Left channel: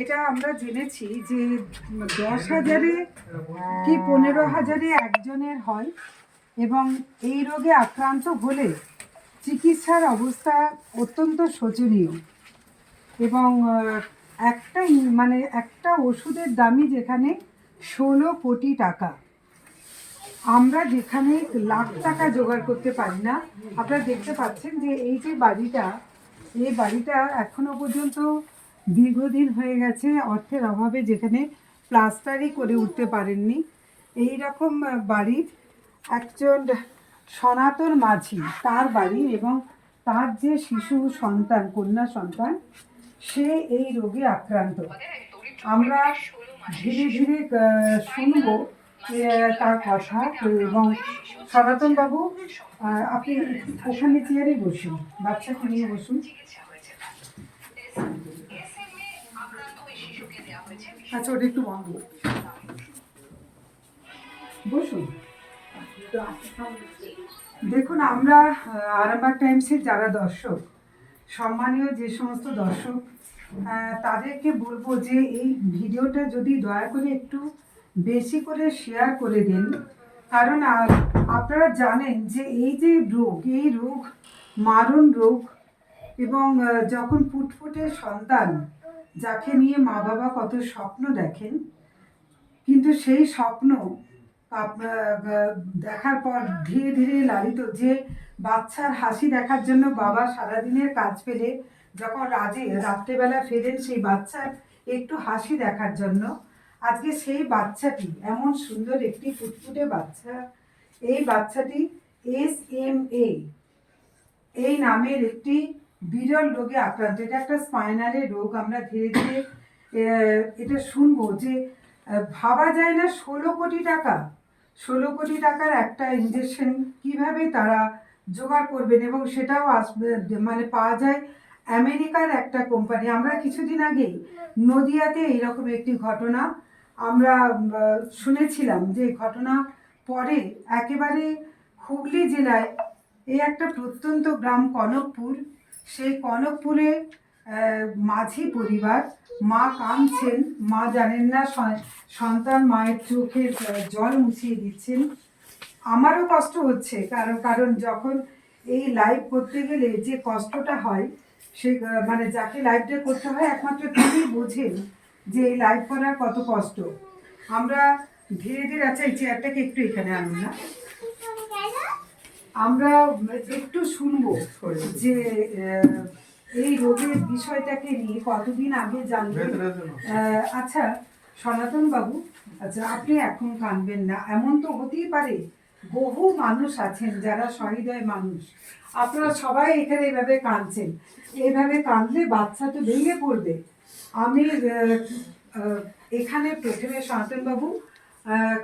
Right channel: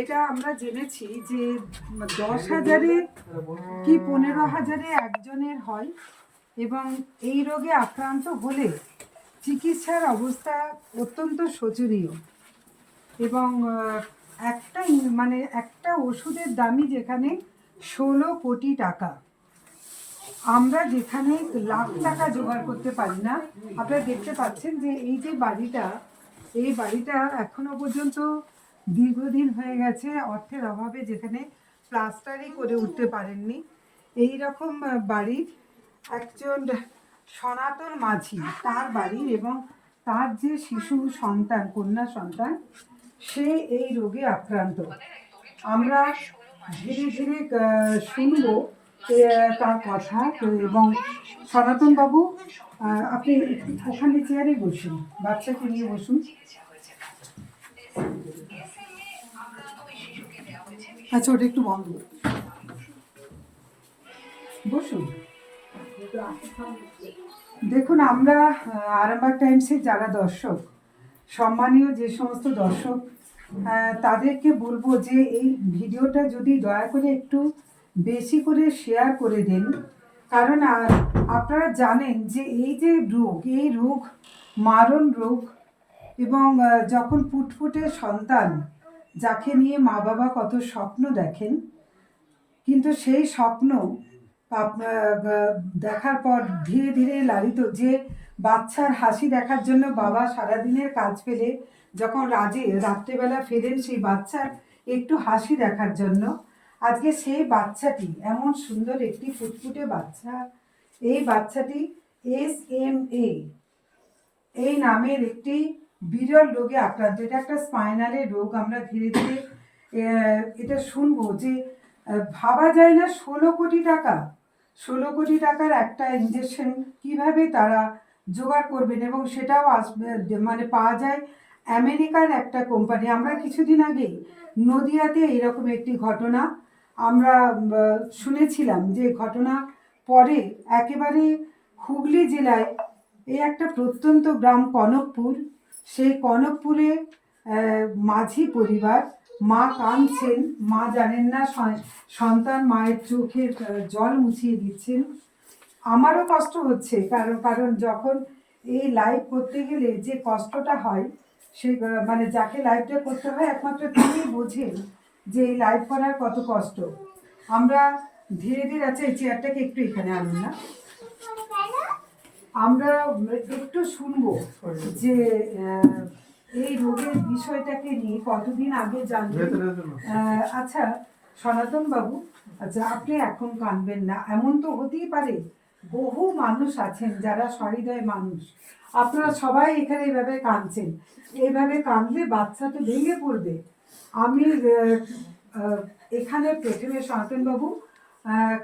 এটা আমরা জেনেছি যে দশ হাজারে কি পনেরো হাজারে একজনের হয় এবং এই রোগে আক্রান্ত হলে চিকিৎসার অবস্থা অত্যন্ত শোচনীয়। এবং একটা মানে একটা ওষুধের দামই যেখানে ষোলো কোটি টাকা। আমরা যেখানে লাখ টাকা জোগাড় করতে পারি না, আপনারা দেখতে পাচ্ছেন যে এই যে বাড়িটা, এই বাড়িটা এখনও পর্যন্ত দীর্ঘদিন হয়ে গেছে, অর্থের অভাবে যেখানে প্লাস্টারই করে উঠতে পারেননি। এই রকম বাড়ির একজন সনাতন মাঝি, তার বাড়ি এবং তার যে শিশু সন্তান, কন্যা সন্তান, সে এই রোগে আক্রান্ত। আমরা ধীরে ধীরে শুনব তার কথা এবং সনাতন বাবু আপনি ওখানে চেয়ারে বসুন, বাচ্চাকে নিয়ে বসুন। আচ্ছা ওটা একটু বন্ধ। বসুন দেখুন, আমরা আরামবাগ টাইমসের যারা দর্শক, সম্মানীয় যে সমস্ত দর্শক তাদেরকে বলব যে এই ভিডিওটা যদি দয়া করে একটু বেশি করে শেয়ার করে দেন কারণ আপনারা জানেন যে এই যে রোগ, এই রোগ, মারণ রোগ এবং যখন ফুটফুটে সন্তান যাকে নিয়ে মা বাবা কত স্বপ্ন দেখেন, কিন্তু সেই স্বপ্ন দেখার পর ধীরে ধীরে লালিত, যে বাচ্চার হাসি দেখার জন্য বাবা সারাদিনের কাজ পেলে যখন রাজে রাত্রেবেলা ফেরেন সেই বাচ্চার একটু হাসি দেখার জন্য। আজকে সেই বাচ্চাটি, এমন সুন্দর একটি ফুটফুটে বাচ্চা, এই বাচ্চাটি এস এম এ এই নামের একটি বিরল রোগে আক্রান্ত। এটা একটা স্পাইনালের রোগ, আমরা ধীরে ধীরে এটা শুনব যে ভাবা যায় না ষোলো কোটি টাকা। ষোলো কোটি টাকার একটা ইঞ্জেকশন কীভাবে তারা জোগাড় করবেন এবং সেটাও আসবে মানে পাওয়া যায় আমেরিকার একটা কোম্পানি আমরা কিছুদিন আগেই নদিয়াতে এইরকম একটি ঘটনা, আমরা শুনেছিলাম যে ঘটনা পরে একেবারে হুগলি জেলায়, এই একটা প্রত্যন্ত গ্রাম কনকপুর সেই কনকপুরে মাঝি পরিবার, মা কাঁদছেন, মা জানেন না সন্তান মায়ের চোখের জল মুছিয়ে দিচ্ছেন। আমারও কষ্ট হচ্ছে, কারণ কারণ যখন এই লাইভ করতে গেলে যে কষ্টটা হয়, সে মানে যাকে লাইভটা করতে হয়, একমাত্র তিনি বোঝেন যে এই লাইভ করার কত কষ্ট। আমরা ধীরে ধীরে আচ্ছা এই চেয়ারটাকে একটু এখানে আনুন না। আমরা একটু শুনব যে এই রোগের বিষয়টাকে নিয়ে কতদিন আগে জানবেন? আচ্ছা সনাতন বাবু আচ্ছা আপনি এখন কানবেন না। এমন তো হতেই পারে, বহু মানুষ আছেন যারা সহৃদয় মানুষ। আপনারা সবাই এখানে এইভাবে কাঁদছেন। এইভাবে কাঁদলে বাচ্চা তো ভেঙে পড়বে। আমি এখানে প্রথমে সনাতন বাবু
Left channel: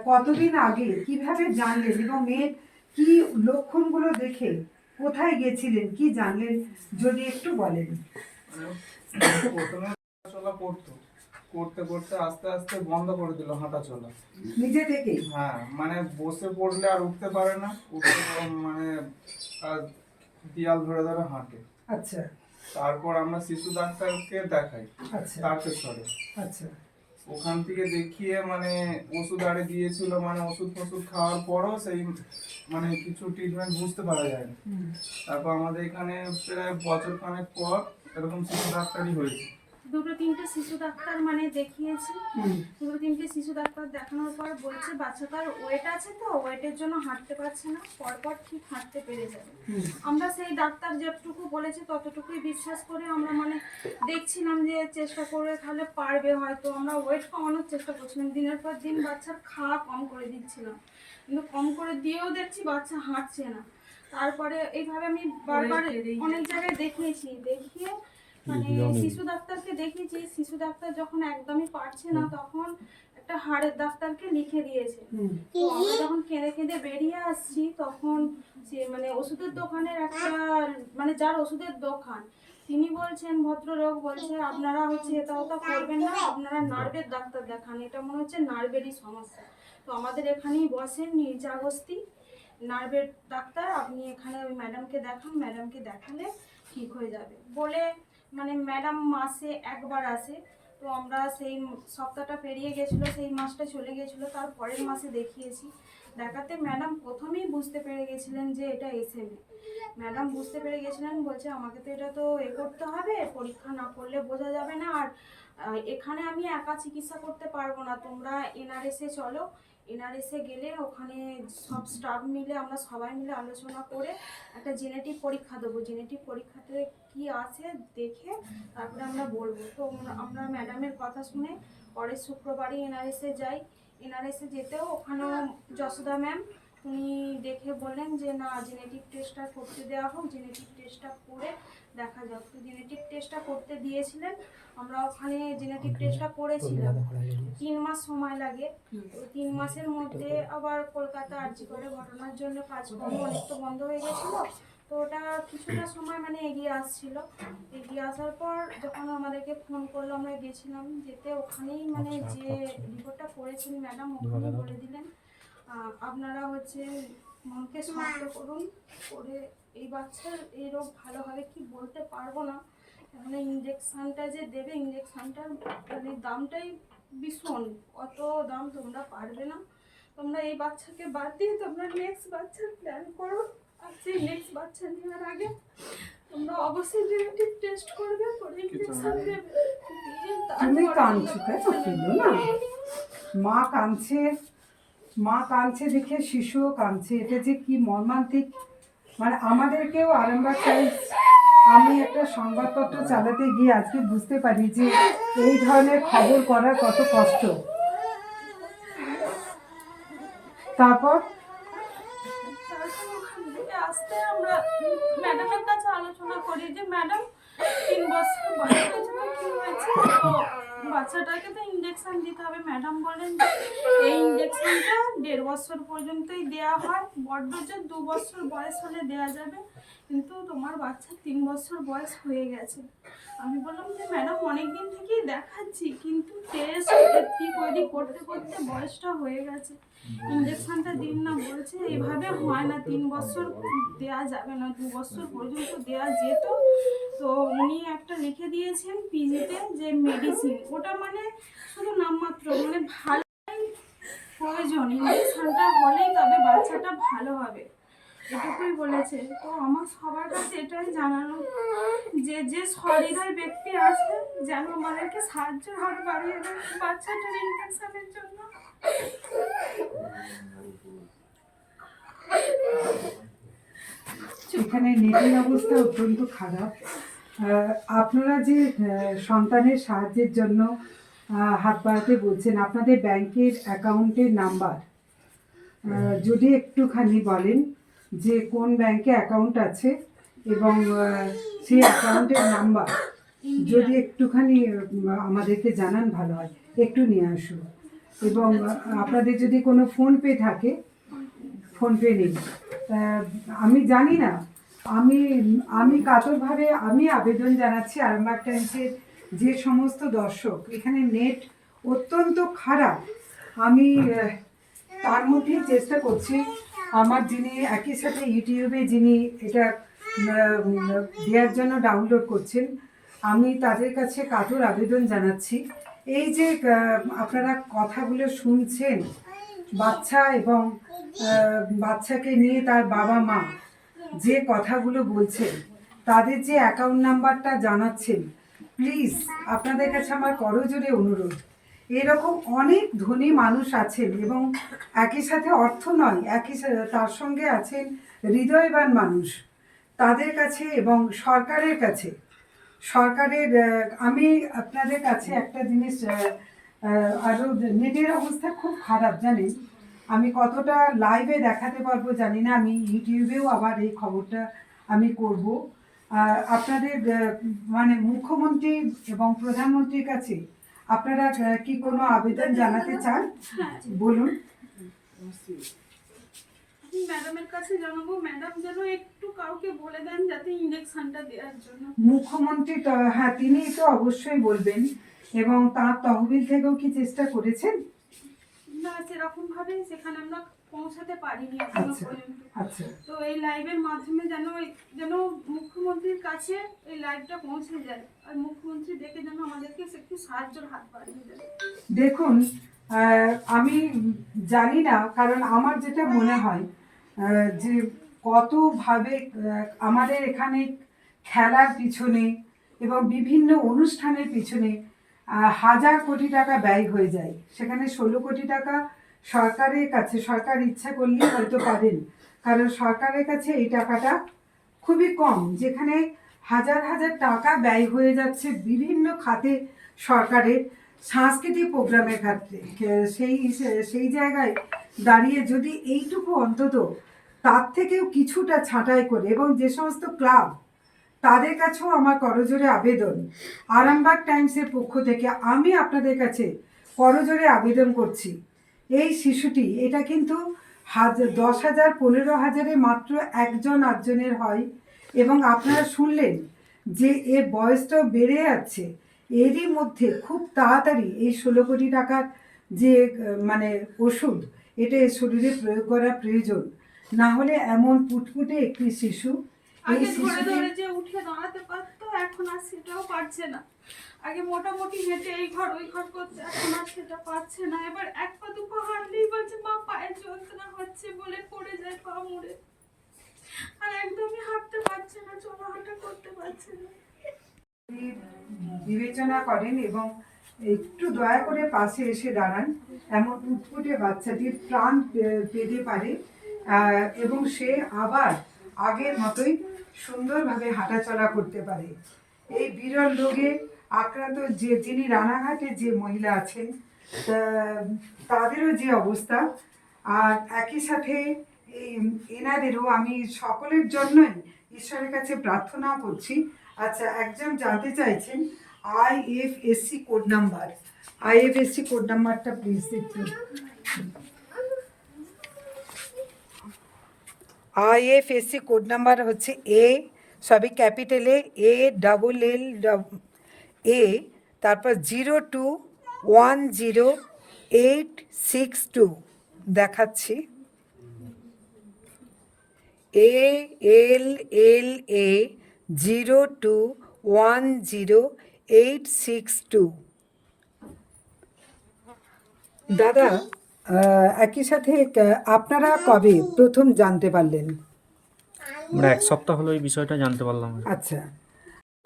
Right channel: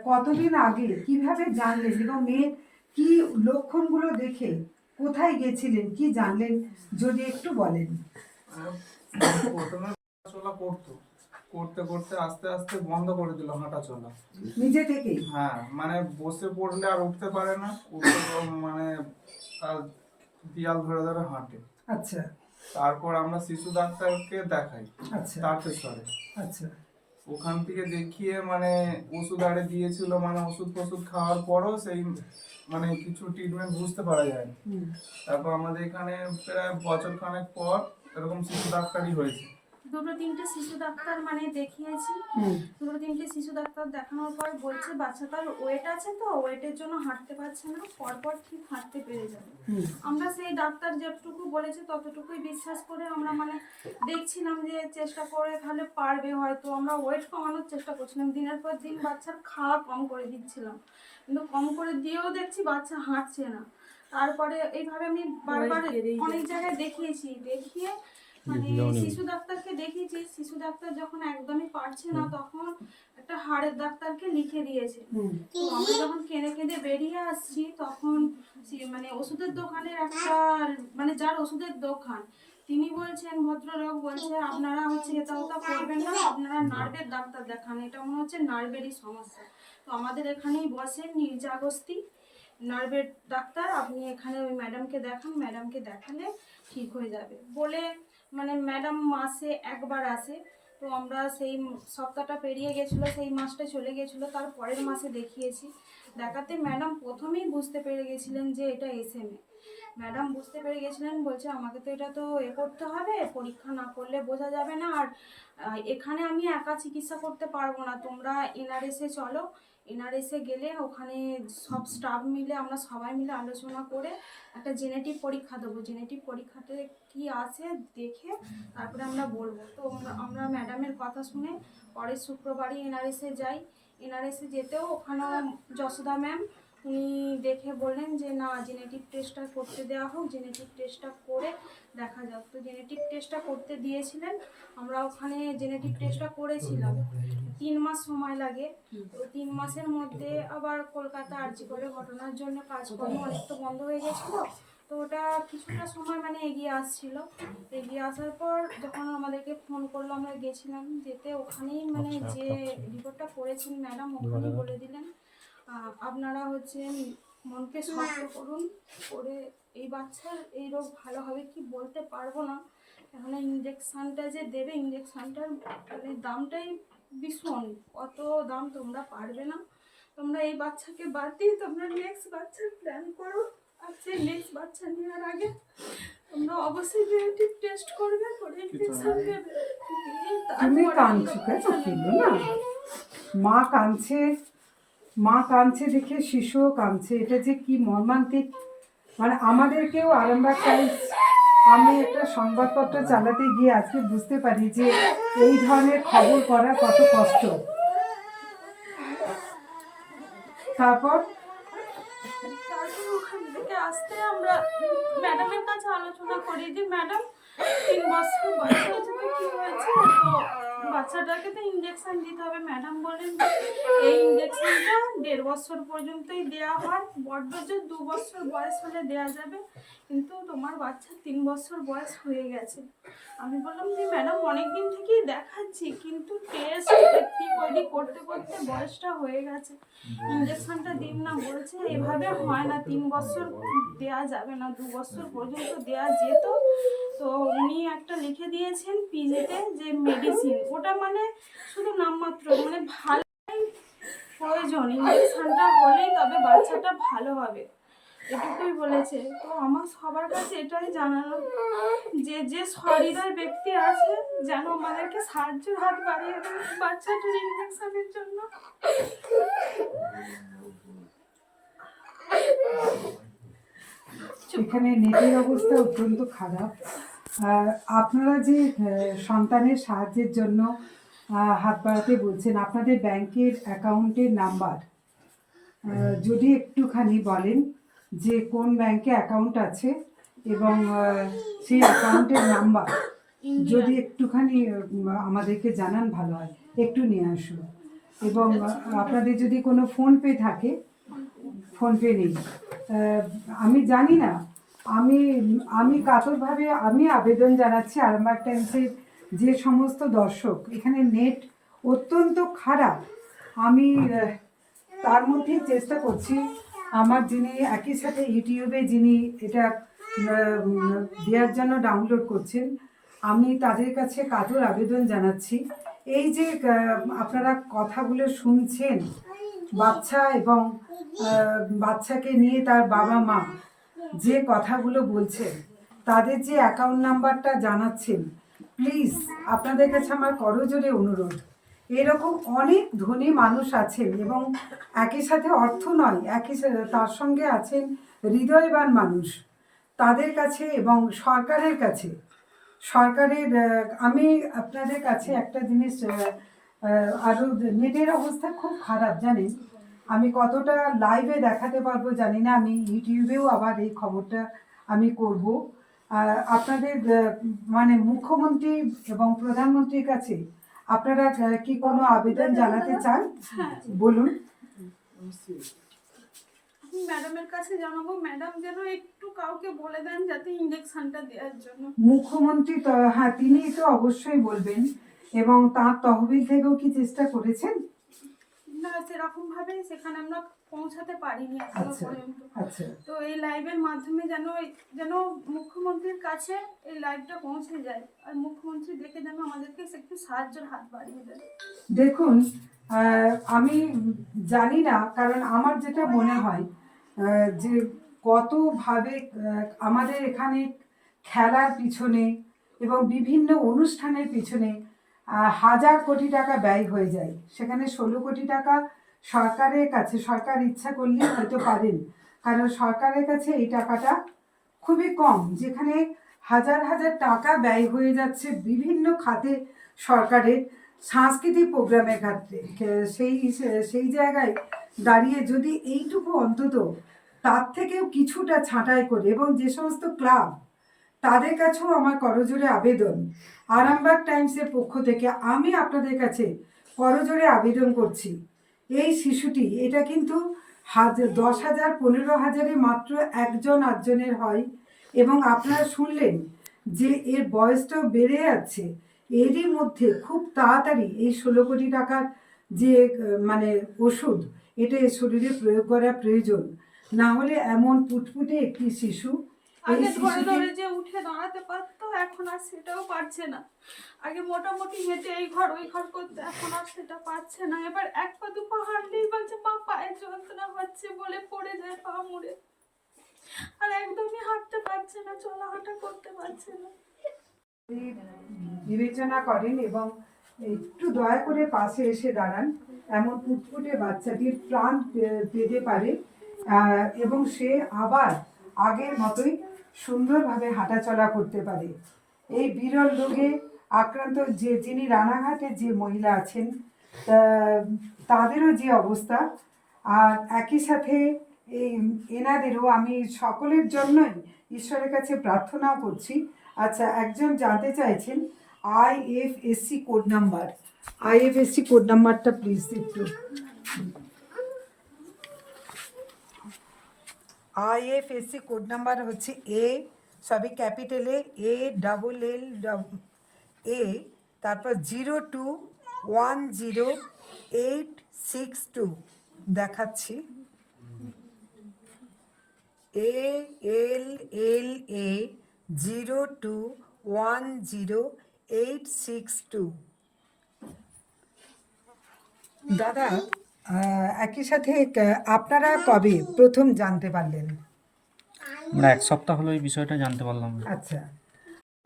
কতদিন আগে কীভাবে জানলেন এবং মেয়ের কি লক্ষণগুলো দেখে কোথায় গেছিলেন কি জানলেন যদি একটু বলেন। প্রথমে হাঁটাচলা করতো করতে করতে আস্তে আস্তে বন্ধ করে দিল হাঁটা চলা নিজে থেকেই? হ্যাঁ মানে বসে পড়লে আর উঠতে পারে না উঠতে মানে দেয়াল ধরে ধরে হাঁটে। আচ্ছা। তারপর আমরা শিশু ডাক্তারকে দেখাই আচ্ছা। তারকেশ্বরে আচ্ছা। ওখান থেকে দেখিয়ে মানে ওষুধ আরে দিয়েছিল মানে ওষুধ ফষুধ খাওয়ার পরও সেই মানে কিছু ট্রিটমেন্ট বুঝতে পারা যায়নি। তারপর আমাদের এখানে প্রায় বছর খানেক পর এরকম শিশু ডাক্তারই হয়েছে। দুটো তিনটে শিশু ডাক্তার মানে দেখিয়েছি। দুটো তিনটে শিশু ডাক্তার দেখানোর পর বলছে বাচ্চাটার ওয়েট আছে তো ওয়েটের জন্য হাঁটতে পারছে না পরপর ঠিক হাঁটতে পেরে যাবে। আমরা সেই ডাক্তার যতটুকু বলেছে ততটুকুই বিশ্বাস করে আমরা মানে দেখছিলাম যে চেষ্টা করে তাহলে পারবে হয়তো। আমরা ওয়েট কমানোর চেষ্টা করছিলাম। দিনের পর দিন বাচ্চার খাওয়া কম করে দিচ্ছিলাম। কিন্তু কম করে দিয়েও দেখছি বাচ্চা হাঁটছে না। তারপরে এইভাবে আমি বারবার অনেক জায়গায় দেখিয়েছি। দেখিয়ে মানে শিশু ডাক্তারকে দেখিয়েছি শিশু ডাক্তার যখন একদমই পারছে না তখন একটা হাড়ের ডাক্তারকে লিখে দিয়েছে। তো আমরা যখন কেঁদে কেঁদে বেরিয়ে আসছি তখন সে মানে ওষুধের দোকানের একটা মানে যার ওষুধের দোকান তিনি বলছেন ভদ্রলোক বলছে আপনারা হচ্ছে এটা ওটা করবেন না আপনারা নার্ভের ডাক্তার দেখান এটা মনে হচ্ছে নার্ভেরই সমস্যা। তো আমাদের এখানেই বসেন নির্জাগস্তি নার্ভের ডাক্তার আপনি এখানে ওই ম্যাডামকে দেখান ম্যাডামকে দেখালে ঠিক হয়ে যাবে। বলে মানে ম্যাডাম মাসে একবার আসে। তো আমরা সেই সপ্তাহটা পেরিয়ে গেছিল, সেই মাসটা চলে গেছিল, তার পরের মাসে দেখিয়েছি। দেখাতে ম্যাডাম প্রথমেই বুঝতে পেরে গেছিলেন যে এটা এসএমএ ম্যাডাম বুঝতে পেরে গেছিলেন, বলছে আমাকে তো এটা তো এ করতে হবে, পরীক্ষা না করলে বোঝা যাবে না। আর এখানে আমি একা চিকিৎসা করতে পারব না, তোমরা এনআরএসে চলো এনআরএসে গেলে ওখানে সব স্টাফ মিলে, আমরা সবাই মিলে আলোচনা করে একটা জেনেটিক পরীক্ষা দেবো। জেনেটিক পরীক্ষাতে কি আছে দেখে তারপরে আমরা বলব। তো আমরা- ম্যাডামের কথা শুনে পরের শুক্রবারই এনআরএসে যাই। এনআরএসে যেতেও ওখানে যশোদা ম্যাম উনি দেখে বললেন যে না জেনেটিক টেস্টটা করতে দেওয়া হোক জেনেটিক টেস্টটা করে দেখা যাক। তো জেনেটিক টেস্টটা করতে দিয়েছিলেন। আমরা ওখানে জেনেটিক টেস্টটা করেছিলাম। তিন মাস সময় লাগে। তো তিন মাসের মধ্যে আবার কলকাতা আর্জি করে ঘটনার জন্য কাজকর্ম অনেক তো বন্ধ হয়ে গেছিল। তো ওটা কিছুটা সময় মানে এগিয়ে আসছিল। এগিয়ে আসার পর যখন আমাদেরকে ফোন করল আমরা গেছিলাম যেতে। ওখানেই মানে যে রিপোর্টটা করেছেন ম্যাডাম ওখানে বলে দিলেন। আপনারা হচ্ছে মনকে শক্ত করুন করে এই বাচ্চার এই রোগ ভালো হবে কি বলতে পারব না। কেননা ইঞ্জেকশানটা যে দেবে ইঞ্জেকশানটার মানে দামটাই ভীষণ। অত দাম তোমরা পারবে না। তোমরা এই বাচ্চাকে বাদ দিয়ে তোমরা নেক্সট বাচ্চার প্ল্যান করো। আর সেই নেক্সট বাচ্চা নেওয়ার আগে তোমরা অবশ্যই জেনেটিক টেস্ট করবে করে ইঞ্জেকশন দেবে। তুমি কাঁদছো নেবে। না? মা কাঁদছে। মা কাঁদছে দেখে, শিশুও কাঁদছে। এটা যে কি মর্মান্তিক। মানে আমাদেরকেও আরামবাগ টাইমস, আমি একটা সংবাদপত্র চালাতে গিয়ে আজকে বুঝতে পারি যে এই ধরনের খবর করা কত কষ্ট। তারপর আসতে আমরা ম্যাডামের কাছে আলোচনা করি যে ম্যাডাম তিন বছর বয়স হয়েছে কি হয়েছে? তো বাচ্চাটাকে তো ইঞ্জেকশন দিতে হবে। ম্যাডাম বলেন, এই ইঞ্জেকশনটা দেড় বছর পর্যন্তই দেওয়া হয়। বড্ড যে দু বছর বয়স হলে দেওয়া যাবে কিন্তু তোমার বাচ্চা তিন বছর বয়স হয়ে গেছে। আমি বললাম যে, ম্যাডাম অনেক দিন থেকেই দেখাচ্ছি, কিন্তু টেস্ট ওইদিক করতে করতে বয়সটা হয়ে গেছে। ইঞ্জেকশনটা দিন না বলছে, এভাবে হয় না, তিন বছর দেওয়া যাবে না, দু বছর পর্যন্ত দেওয়া যেত। তো উনি একটা লিখে দিয়েছেন পিজিতে যে, মেডিসিন। ওটা মানে শুধু নামমাত্র মানে ভালোই প্রয়োজন। ইঞ্জেকশনটা হলেই তবে বাচ্চাটা ভালো হবে। এটুকুই বলেছে। তো আমার সবার কাছে এটাই জানানো যে যে সহৃদয় ব্যক্তি আছে, যেন আমাদেরকে সাহায্যের হাত বাড়িয়ে দেন বাচ্চাটার ইনফেকশনের জন্য। এখানে নেটের অবস্থা অত্যন্ত খারাপ। আপনারা যে সন্তানের সাহায্যের জন্য হাত বাড়াতে বলছেন, আপনাদের ব্যাংকের অ্যাকাউন্টের নাম্বার যদি একটুখানি বলেন। যে কোন ব্যাংকে অ্যাকাউন্ট আছে এবং সেই অ্যাকাউন্টের নাম্বার যদি একটুখানি আমাদেরকে জানান ভালো হয়। একটু নিয়ে আসুন। এবং আপনাদের যদি কোনো ফোনপে থাকে, ফোনপে নেই। আমি জানি না, আমি আমি কাতরভাবে, আমি আবেদন জানাচ্ছি আরামবাগ টাইমসের যে সমস্ত দর্শক, এখানে নেট অত্যন্ত খারাপ। আমি তার মধ্যেই চেষ্টা করছি আমার যিনি একই সাথে ইউটিউবে যিনি এটা দেওয়ার জন্য ডাউনলোড করছেন, আমি তাদের কাছে কাতর আবেদন জানাচ্ছি। এই যে আপনারা কথাগুলো শুনছেন, বাচ্চা এবং বাচ্চাকে নিয়ে তার বাবা মা যে কথাগুলো বলছেন, তাদের যে অ্যাকাউন্ট নাম্বারটা জানাচ্ছেন প্লিজ আপনাদের কাছে আমার করজোরে অনুরোধ। এরকম অনেক ধনী মানুষ আছেন এবং একই সাথে অর্থ নয় একই তার সঙ্গে আছেন হৃদয়বান মানুষ তাদের কাছে এবং সরকারের কাছে। সরকারের আমি আপনাদের কাছে একটা জিনিস আহ, নেটের অবস্থা খুব খারাপ জানেন? আমি কতটা লাইভে দেখাতে পারব জানি না আমি ইউটিউবেও আবার এই খবরটা আমি করব। আপনাদের মানে মুখ্যমন্ত্রী এবং প্রধানমন্ত্রীর কাছে আপনারা কি কোনো আবেদন জানাতে চান? বলুন। ম্যাডামের কাছে জানাব ম্যাডাম যেন একটু কাউকে বলে দেন যাতে ইঞ্জেকশনটা দেওয়ার জন্য। মুখ্যমন্ত্রী হ্যাঁ তিনি তো অবশ্যই বলবেন। এবং তার তহবিল থেকেও কি চেষ্টা করেছেন? না সেরকম ভাবে সেখানে আমরা পৌঁছাতে পারিনি এখনও আচ্ছা। পর্যন্ত। আচ্ছা। তো এই লাইভের মাধ্যমে যেন যেন মুখ্যমন্ত্রীর কাছে এই লাইভটা পৌঁছে যায়। আর মুখ্যমন্ত্রী দেখে যেন আমাদেরকে একটু সাহায্যের হাত বাড়িয়ে দেয়। দেখুন আমি জানি না কারণ আমার যেটা মনে হয় যে কতভাবে আমাদের এখানে খেলার পিছনে এবং বিভিন্ন অনুষ্ঠানের পিছনে হাজার কোটি টাকা ব্যয় হয়ে যায়। সেখানে ষোলো কোটি টাকা সরকারের কাছে, সরকার ইচ্ছা করলে হয়তো পারেন। কারণ সরকারের কাছে এই টাকাটা খুবই কম, যেখানে হাজার হাজার টাকা ব্যয় হয়ে যাচ্ছে বিভিন্ন খাতে সরকারের সাংস্কৃতিক প্রোগ্রামের ক্ষেত্রে। সেই সেই জায়গায় দাঁড়িয়ে যদি এইটুকু অন্তত তার থেকেও কিছুটা ছাঁটাই করে এবং যে সমস্ত ক্লাব, তাদের কাছেও আমার করজোরে আবেদন। আরামবাগ টাইমসের পক্ষ থেকে আমি আপনাদের কাছে করজোরে আবেদন করছি। এই শিশুটি এটা কিন্তু হাজার দশ হাজার পনেরো হাজারে মাত্র একজন আটজনের হয়। এবং আপনারা শুনলেন যে এর বয়সটাও বেড়ে যাচ্ছে। এরই মধ্যে খুব তাড়াতাড়ি এই ষোলো কোটি টাকার যে মানে ওষুধ এটা এর শরীরে প্রয়োগ করা প্রয়োজন। না হলে এমন পুটপুটে একটি শিশু এই শিশুটি এখন আর সেটাও পারছে না। আগে মোটামুটি হেঁটে এই ঘর, ওই ঘর করতে, এখন আর সেটা পারছে না। এবার এক পা, দু পা হাঁটলেই বলছে মা পায়ে যন্ত্রণা হচ্ছে বলে পড়ে যায় পা মুড়ে। আর একদমই হাঁটতে পারছে না চলা হাঁটা করতে পারছে না। বিবেচনা করেন এবং একটু দয়া করে পাশে এসে দাঁড়ান। এমন ফুটফুটে বাচ্চাটির প্রাণ পে- পেতে পারে। এবং সে আবার আগের মতোই সুন্দরভাবে হাঁটাচলা করতে পারে। এই বিরল রোগে আক্রান্ত যে, যিনি রানাঘাটে যে মহিলা আছেন তাদেরও যে অবস্থা, আর একই সাথে এই এনাদেরও আমি সকলের জন্যই ঈশ্বরের কাছে প্রার্থনাও করছি। আচ্ছা একজন জানতে চাইছেন IFSC code number IFSC code নাম্বারটা প্লিজ একটু আইএফএসসি কোড নাম্বার হচ্ছে এ, সবই ক্যাপিটালে এ ডাবল এল এ তারপর zero two, one zero, eight, six two দেখাচ্ছি। A, L L, A, zero two, one zero, eight, six two. দাদা একই সাথে আপনারা কবে প্রথম জানতে পারলেন? আমরা এক সপ্তাহ হলো এই বিষয়টা জানতে পারলাম। আচ্ছা।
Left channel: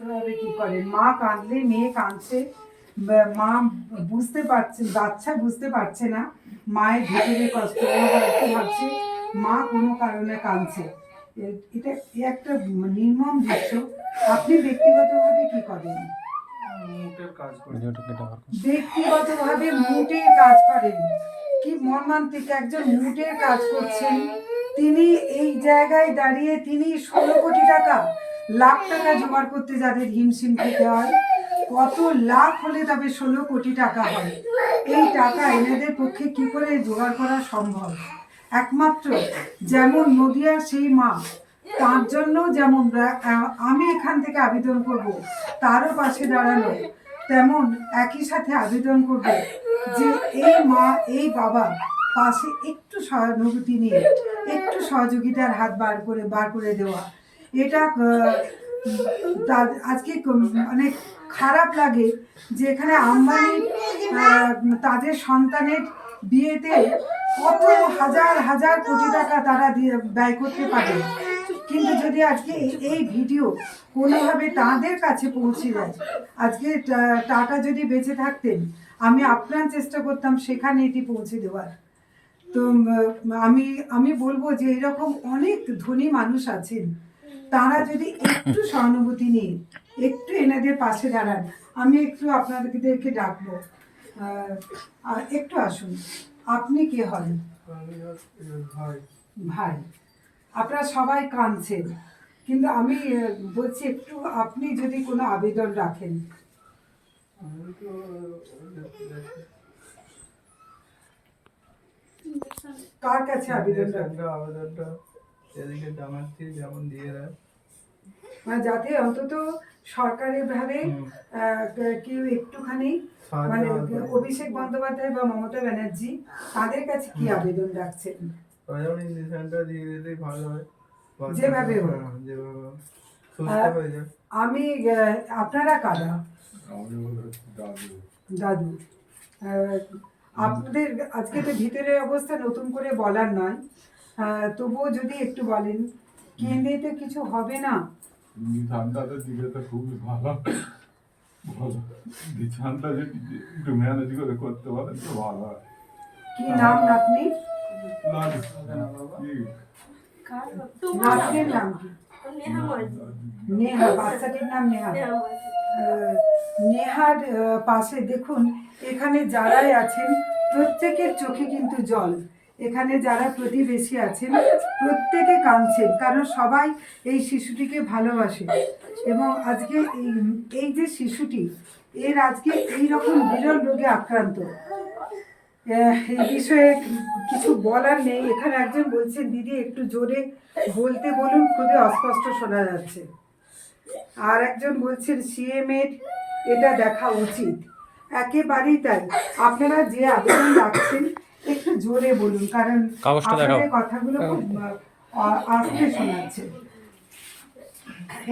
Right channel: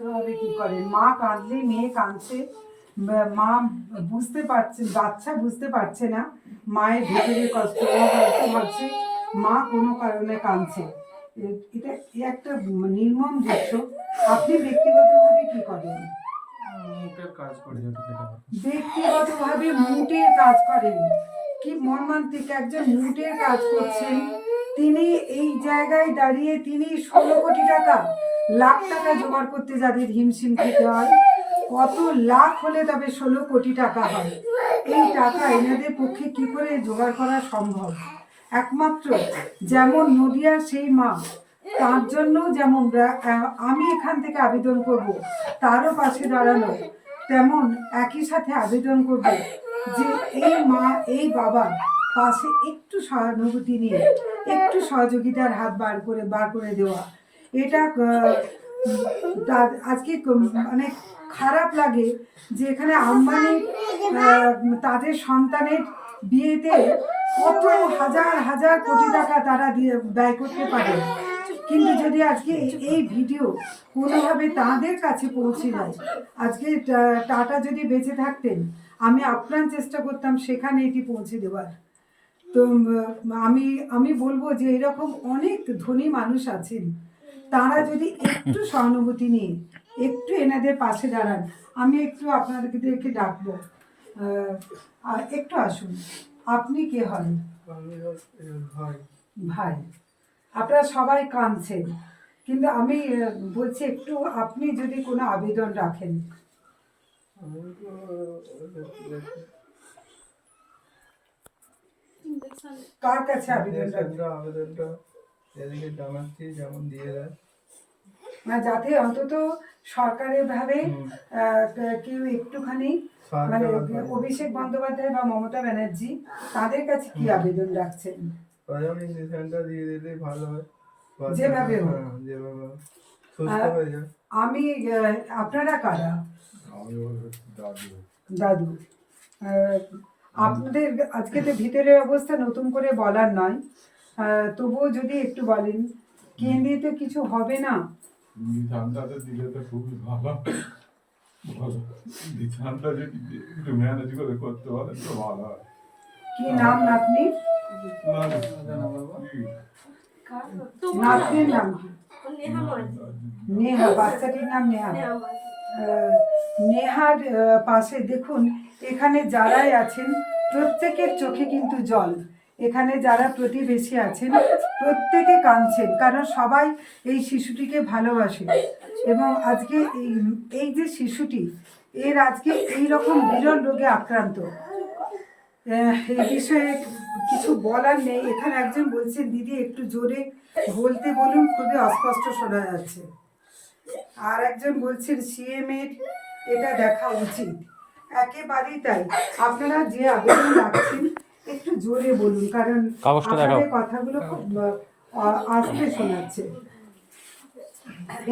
এভাবে কি করেন? মা কাঁদলে মেয়ে কাঁদছে মা বুঝতে পারছে বাচ্চা বুঝতে পারছে না মায়ের ভেতরে কষ্ট হয়তো ভাবছে মা কোনো কারণে কাঁদছে। এটা একটা নির্মম দৃশ্য। আপনি ব্যক্তিগতভাবে কি করেন। ব্যক্তিগতভাবে মুটের কাজ করেন। কি মর্মান্তিক একজন মুটের কাজ করছেন। তিনি এই জায়গায় দাঁড়িয়ে তিনি ষোলো কোটি টাকা, লাখ টাকা জোগাড় করতে যাদের হিমশিম খেতে হয়, কত লাখ হলে তবে ষোলো কোটি টাকা হয়। এই টাকা এনাদের পক্ষে কি করে জোগাড় করা সম্ভব? একমাত্র যেমন নদিয়ার সেই মা, তার জন্য যেমন আমি এখান থেকে আবেদন করব, তারও পাশে দাঁড়ানো। তেমন একই সাথে আবেদন করবে যে এই মা, এই বাবা পাশে একটু সহানুভূতি নিয়ে, একটু সহযোগিতার হাত বার করে বার করে দেওয়া। এটা আজকে মানে খারাপ লাগে যে এখানে আম্বানি তাদের সন্তানের বিয়েতে কত হাজার হাজার কোটি টাকা তারা দিয়ে ব্যয় করতে পারে। কিন্তু যদি আজকে এই- ভিডিও কোনোভাবে তাদের কাছে পৌঁছে যায় আজকে টাটা যদি বেঁচে থাকতেন আমি আপ্রাণ চেষ্টা করতাম সেখানে এটি পৌঁছে দেওয়ার। তো আমি আমি বলব যে এরকম অনেক ধনী মানুষ আছেন তারা যদি একটু সহানুভূতি নিয়ে একটু এনাদের পাশে দাঁড়ান আমি একটু আপনাদেরকে ডাকবো। আর একটু আসুন আপনি কে হন? ভাই। আপনারা সবাই কাঁদছেন। কিন্তু আমি বলছি একটু আপনি যদি কোনো আবেদন রাখেন। কার কাছে আবেদন আবেদনটা এদিকে যেমন দিয়ে দেয়। মানে যাতে অন্তত সরকারের ভাবে কেউ একটুখানি মানে অভিষেক বন্দ্যোপাধ্যায় বা মমতা ব্যানার্জি তাদের কাছে কি আবেদন রাখছেন? যেমন ইঞ্জেকশনটা দিয়ে দিলেই ভালো হয় যেভাবে হোক। হ্যাঁ, যেভাবে সুস্থ হয়ে যায় আমি আপনারা কারা? দাদু। আহ, আপনাদের আজকে তো ভিতরের অবস্থা নতুন করে বলার নয় তবুও যদি একটু বলেন কেন্দ্রে তো কিছু হবে না? বিধানটাতে দিলে তো খুবই ভালো। ভালো যদি একটু ম্যানেজ করে করতে পারেন তো ভালো হয়। কি নাম নাতনি না, নাম কি নেহা বাচ্চাটির নাম নেহা নেহার পাশে দেখুন এখানে যারাই আছেন প্রত্যেকের চোখে কিন্তু জল। এখানে যারা প্রতিবেশী আছেন প্রত্যেকে কাঁদছেন কারণ সবাই এই শিশুটিকে ভালোবাসে। এবং আজকে এই- যে শিশুটি এর আজকে এই রকম বিরল রোগে আক্রান্ত। এই বিষয়ে কিছু বলার নেই। এখানে একজন বলছেন দিদি একটু জোরে বলতে বলুন খুবই অস্পষ্ট শোনা যাচ্ছে। আর একজন বলছেন সিএম এর এটা দেখা উচিত। একেবারেই তাই। আপনারা যে আবেদন রাখছেন একটু জোরে বলুন কারণ। আপনাদের কথাগুলো খুব আস্তে শোনাচ্ছে।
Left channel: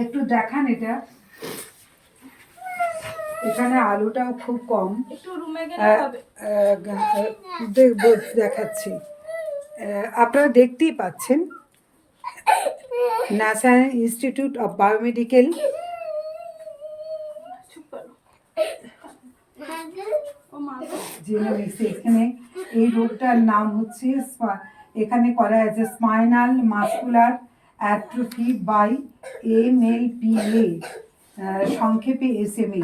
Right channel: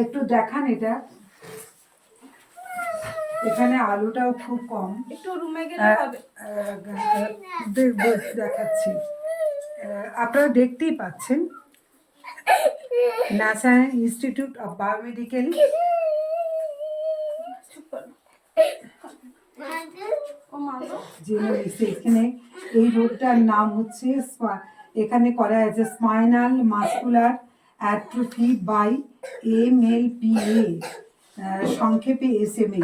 একটু দেখান এটা। এখানে আলোটাও খুব কম। একটু রুমে গেলে হবে। আহ, দে- দে- দেখাচ্ছি। আপনারা দেখতেই পাচ্ছেন national institute of biomedical. Genomics এখানে। এই রোগটার নাম হচ্ছে স্পা- এখানে করা আছে spinal muscular atrophy by M L P A সংক্ষেপে এস এম এ।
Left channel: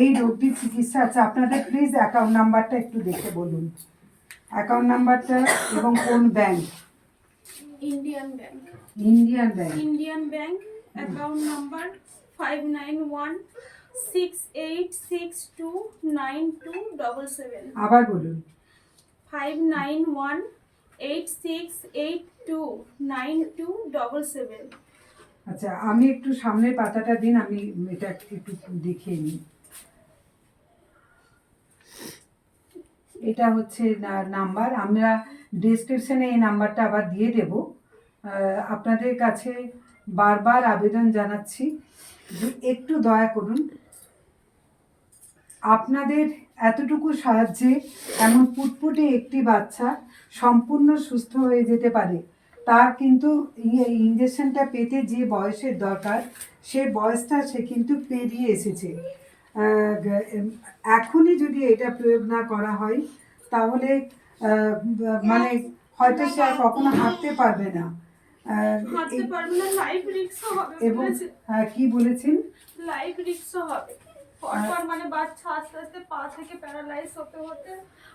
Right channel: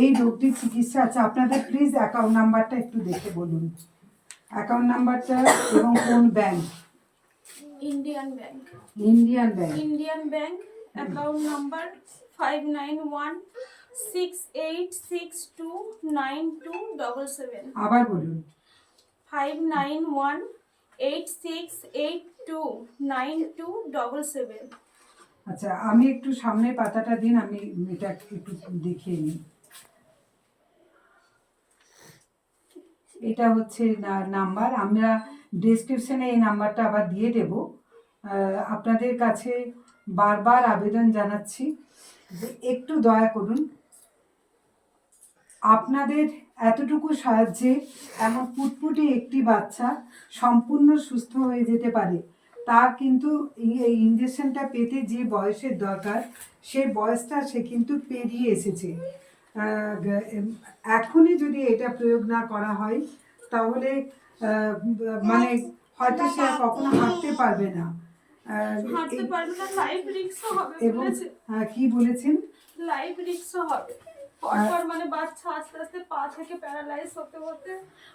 এই রোগটির চিকিৎসা আছে। আপনাদের প্লিজ অ্যাকাউন্ট নাম্বারটা একটু দেখে বলুন। অ্যাকাউন্ট নাম্বারটা এবং কোন bank Indian bank Indian bank Indian bank account number five nine one six eight six two nine two double seven আবার বলুন। Five nine one eight six eight two nine two double seven আচ্ছা আমি একটু সামনের পাতাটা দিন আমি এটা একটু দেখিয়ে নিই। এটা হচ্ছে নাম্বার। আমরা ডিসক্রিপশনে এই নাম্বারটা আবার দিয়ে দেব। আপনাদের কাছে বারবার আবেদন জানাচ্ছি যে একটু দয়া করুন। আপনাদের এতটুকু সাহায্যে এমন পুটপুটে একটি বাচ্চা সম্পূর্ণ সুস্থ হয়ে যেতে পারে। তার কিন্তু ইঞ্জেকশনটা পেতে যে বয়সের দরকার সেই বয়সটা সে কিন্তু পেরিয়ে এসেছে। এখনই যদি এটা প্রয়োগ না করা হয় তাহলে মানে হয়তো সে আর কখনো হাঁটতে পারবে না। হাঁটতে পারবে না লাইফ রিক্সও হবে এবং বলেছে। কি বলেছেন? লাইফ রিক্সও হবে। পরপর মানে বাচ্চা আস্তে আস্তে পা থেকে প্যারালাইজ হতে হতে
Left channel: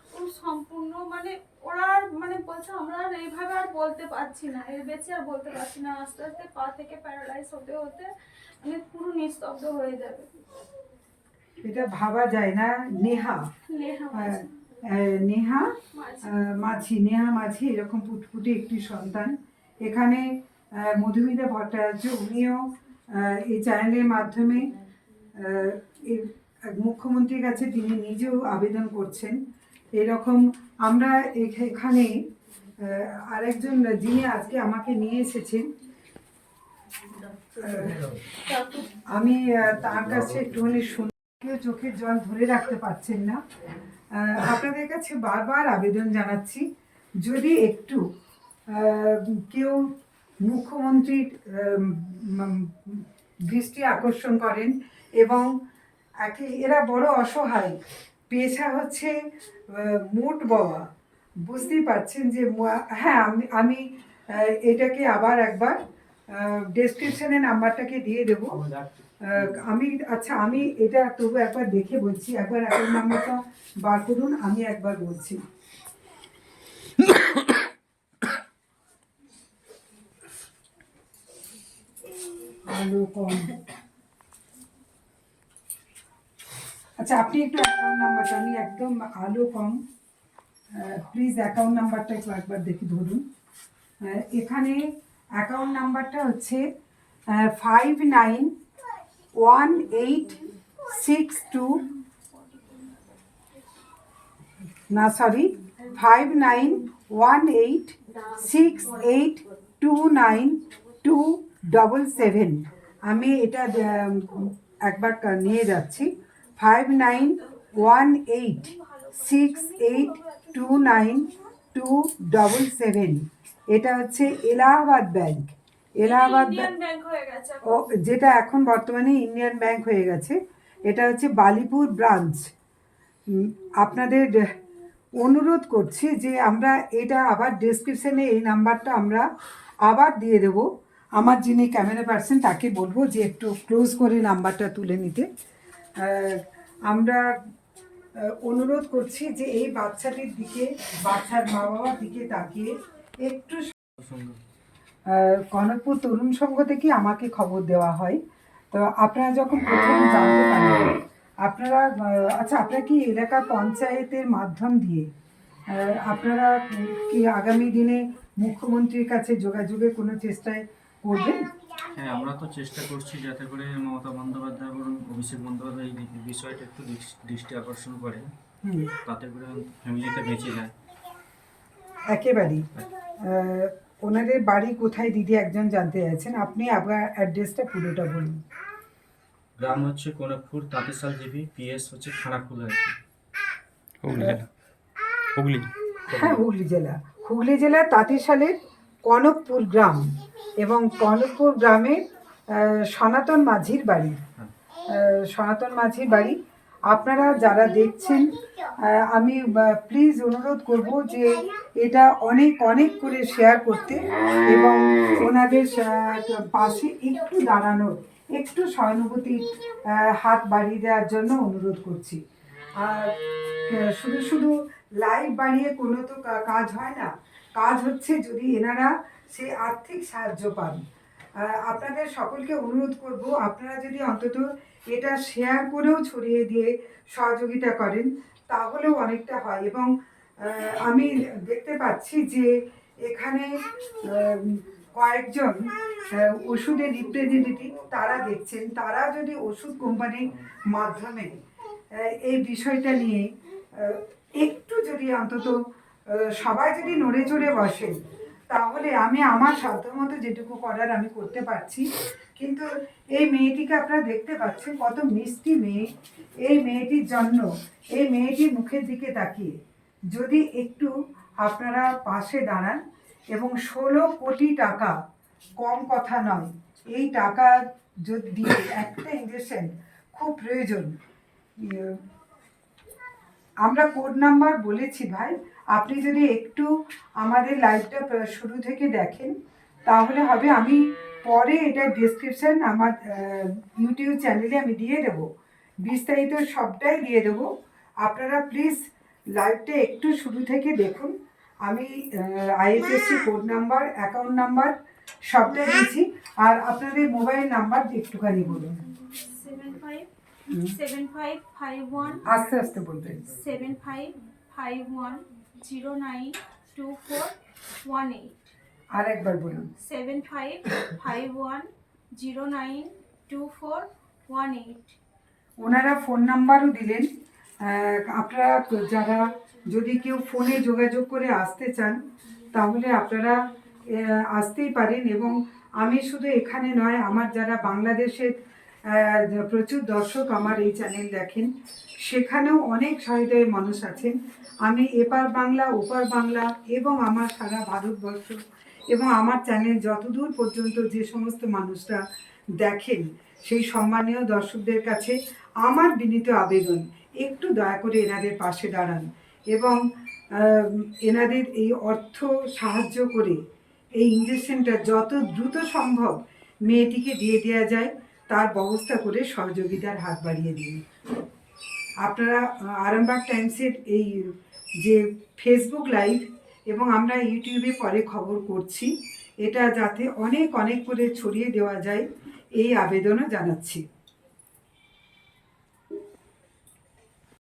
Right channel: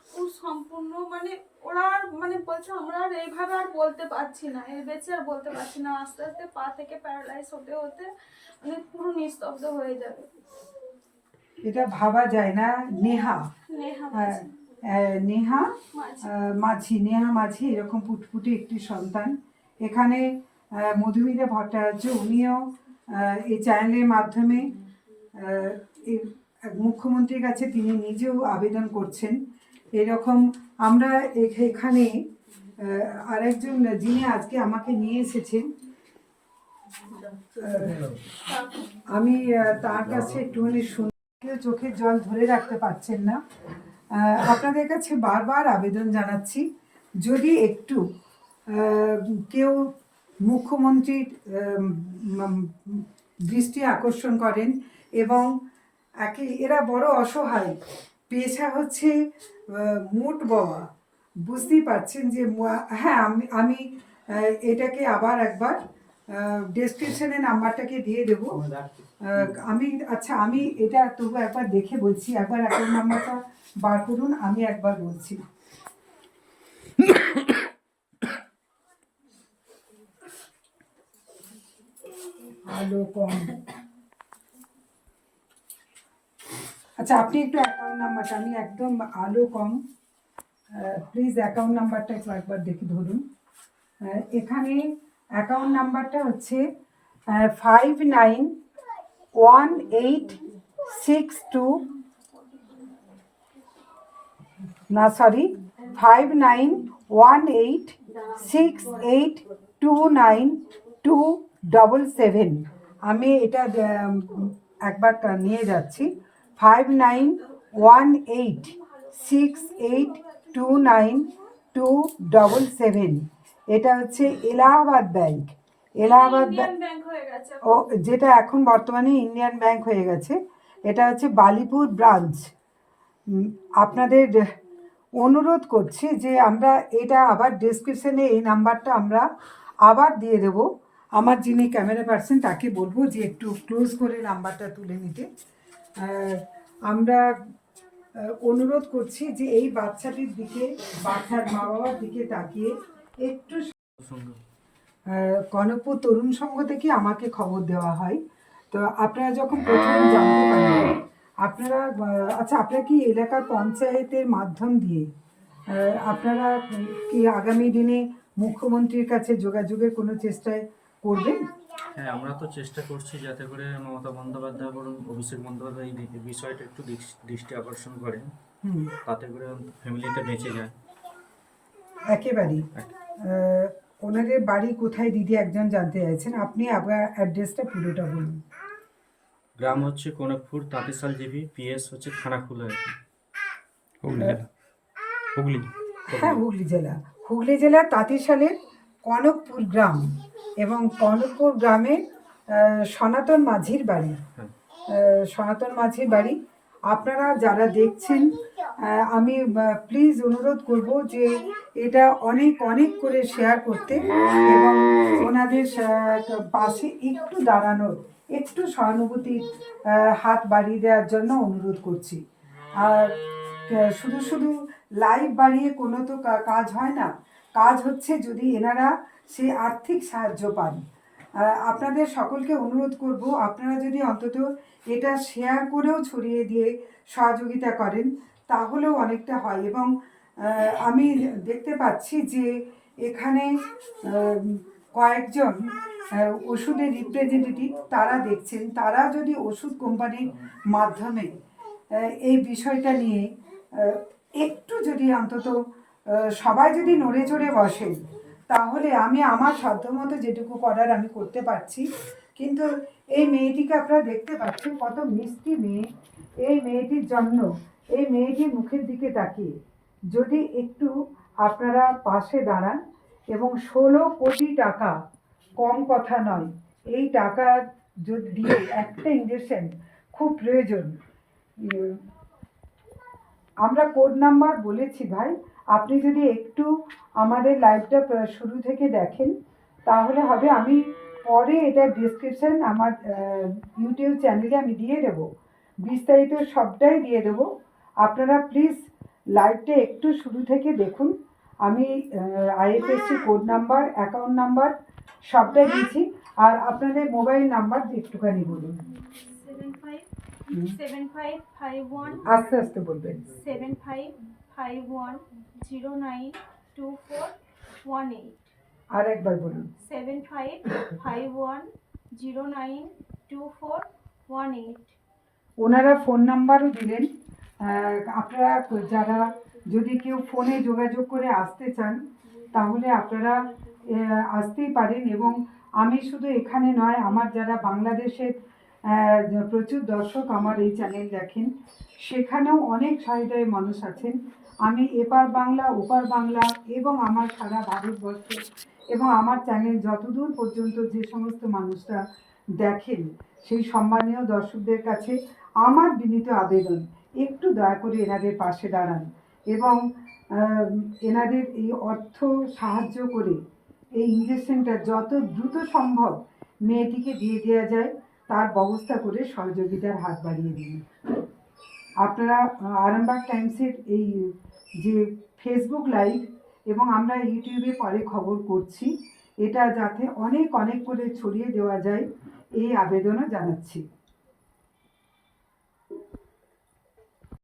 পুরো সম্পূর্ণ মানে ওরা আর মানে বলছে আমরা আর এইভাবে আর বলতে পারছি না। এর বেঁচে আর বলতে পারছি না। আস্তে আস্তে পা থেকে প্যারালাইজ হতে হতে মানে পুরো নিস্তব্ধ হয়ে যাবে। এটা ভাবা যায় না নেহা নেহা মাঝি। নেহা মাঝি। এরকম পুটপুটি একটি সন্তান এখানে মধুমিতা ভট্টাচার্য উনিও এই চ্যানেলের মাধ্যমে মুখ্যমন্ত্রীর কাছে তিনি নিজেও আবেদন করছেন এরকম আমরা এখানে আরেকজন যিনি আজকে আমাকে নিয়ে এসেছেন আমি তার কাছে একটুখানি শুনে কেউ চোখের জল ধরে রাখতে পারছেন না। আপনাদের কাছে বারবার আবেদন জানাচ্ছি, যদি একটু কেউ মুখ্যমন্ত্রীর দৃষ্টি আকর্ষণ করেন এবং একে, এরা বড় অসহায়, পেশা হচ্ছে মোট বাবা বুঝতেই পারছেন যে হ্যাঁ আমি আমি এটাকে আবার একবার ডেসক্রিপশনে নাম্বারটাকে দিয়ে দেবো? আমি আচ্ছা আমি এটা তবু একবার দেখে বলছি একবার অ্যাকাউন্ট নাম্বারটা বার করুন আমি একবার বলছি। আলো কম। আচ্ছা আপনি একটু অ্যাকাউন্ট নাম্বারটা আমি একদম আলো কম। প্লিজ অ্যাকাউন্ট নাম্বারটা একটু একবার দেখি ধরুন। এখানে অ্যাকাউন্ট নাম্বারটা হচ্ছে five nine one eight six two না sorry five nine one eight six eight two nine two double seven আমি এটা একবার নিয়ে যাচ্ছি। Five nine one eight six eight two nine two double seven এটা হচ্ছে এলাহাবাদ ব্যাংক। এলাহাবাদ ও যেটা এখন বর্তমানে ইন্ডিয়ান ব্যাংক হয়ে গেছে। এটা হচ্ছে বালিপুর ব্রাঞ্চ। আপনাদের অনুরোধ করছি যে আমরা এটা আবার ডেসক্রিপশনে এই নাম্বারটা আমরা আবার দিয়ে দেব। আমার যিনি ক্যামেরা পার্সন তাকে বলব যে একটু ক্লোজ করে নাম্বারটা তুলে নিতে। আমরা অনুরোধ করছি যে এই বাচ্চাটির দিকে বাচ্চার মা বাবার দিকে তাকিয়ে একটু কনকপুর তরুণ সংঘ থেকে আমাকে খবর দেওয়া হয়। তো আপনারা যখন প্রথম জানতে পারেন আপনারা আচ্ছা আপনারা কি এলাকার পঞ্চায়েতের মাধ্যম দিয়ে আপনারা কি আগামী দিনে মুখ্যমন্ত্রীর কাছে যোগাযোগের কোনো চেষ্টায় করবেন? হ্যাঁ আমরা তো চেষ্টা করছি যাতে করে মমতা বন্দ্যোপাধ্যায় বলুন অভিষেক বন্দ্যোপাধ্যায় এই বিষয়টা একটু দৃষ- দৃষ্টি আকর্ষণ করে হুম। তাতে করে ফ্যামিলিটা বেঁচে যায়। একেবারেই। ওনাদের বাড়ি কোথায়? দিদি একজন জানতে চাইছেন। আপনি আবার অ্যাড্রেসটা পুরোটা বলুন। গ্রাম হচ্ছে কনকপুর তাঁতেশাল জিবি পিএস হচ্ছে খানাকুলা আর কি। হুগলি জেলা। হুগলি। হ্যাঁ হুগলি জেলা। হুগলি জেলার তাঁতিশালের কনকপুর গ্রাম এবং কনকপুর গ্রামে আহ, সনাতন মাঝির বাড়ি। হ্যাঁ। সনাতন মাঝির বাড়ি আপনারা যারা দেখছেন আমি প্লিজ অনুরোধ করব যে এটা অনেক অনেক করে শেয়ার করতে এবং ওনাদের পাশে একটু দাঁড়ানোর, একটু সহানুভূতির হাত বাড়িয়ে দেওয়ার জন্য অনুরোধ করছি। আর শুধু শুধু লাইভ বাড়িয়ে কোনো তো কাজ হয় না। কাজ হচ্ছে যদি এনারা সেই আর্থিক সাহায্য পান। আপনাদের সকলকে অনুরোধ করব, আপনারা যদি অন্তত এটা শেয়ার করেও ছড়িয়ে দিয়ে সহযোগিতা করেন, তাহলেও অনেকটা হয়। এবং আমি দেখতে পাচ্ছি যে এখানে কয়েকজন ওষুধের রিপ্রেজেন্টেটিভ তারা দেখছেন। তারা যদি ওষুধ কোম্পানির মাধ্যমে এই বিষয়টা নিয়ে একটু যদি অন্তত সবাই যদি নড়ে চড়ে বসেন, তাহলে আমি আমার সাধ্যমতো যেটুকু করার আমি করতে পারছি। কিন্তু এই মেয়েটিকে আপনারা দেখতে পাচ্ছেন, কত মিষ্টি মেয়ে। এই মেয়েটির জন্য, এই মেয়েটির মুখের দিকে তাকিয়ে। যদি একটু আপনারা পাশে দাঁড়ান, এবং ষোলো কোটি টাকা কম কথা নয়, এই টাকা যদি দিয়ে একটা ইঞ্জেকশন খুব প্রয়োজন। আমরা কোড নাম্বার বলেছি ভাই, আপনি যদি একটু আমাদের লাইভটা শুরু থেকে দেখেন, তাহলে হবে আমি পরে এটা ডিসক্রিপশন আমার ইউটিউব চ্যানেলে আমি দিয়ে দেব। বিস্তারিত সবটাই দিয়ে দেব। আপনারা প্লিজ লাইভটা একটু শুরু থেকে দেখুন। আমি IFSC code number account number সবটাই দিয়েছি। আর আপনাদের মোবাইল নাম্বার একটুখানি বলুন। Seven five seven five five one আস্তে আস্তে বলবেন। Seven five five one zero nine two four one eight আর একবার বলুন। Seven five five one zero nine two four one eight. ওনারা ফোন নাম্বারও দিলেন। আপনারা যারা যদি কেউ ফোনে যোগাযোগ করে আসতে চান তাহলে আপনারা আসতেই পারেন এবং আমি শুধু এখানে নয় আমার যারা বাংলাদেশের প্রচুর দর্শক আমার এই চ্যানেল দেখেন সেখানেও অনেক সহৃদয় মানুষ আছেন। আমি এপার বাংলা ওপার বাংলা এবং আমার সারা ভারতবর্ষ এবং আমার চ্যানেল যতদূর পর্যন্ত যে সমস্ত মানুষরা দেখেন, সেই সম্মানীয় দর্শকদের কাছে আমার বিনীত আবেদন, একটু দয়া করে এনাদের পাশে দাঁড়ান এবং এনাদের এই অর্থ সাহায্য করে এই ইঞ্জেকশনটা যত দ্রুত সম্ভব মেয়েটিকে দিয়ে দেওয়া যায়, তার ব্যবস্থা করে সহযোগিতার হাত বাড়িয়ে দিন। আপনারা আরামবাগ টাইমসের এই যে ফেসবুক লাইভ এবং আমরা ইউটিউবে পরে খবর করছি। এটা যাতে অনেক অনেক করে ছড়িয়ে দেওয়া যায়, এই আবেদনও জানাচ্ছি।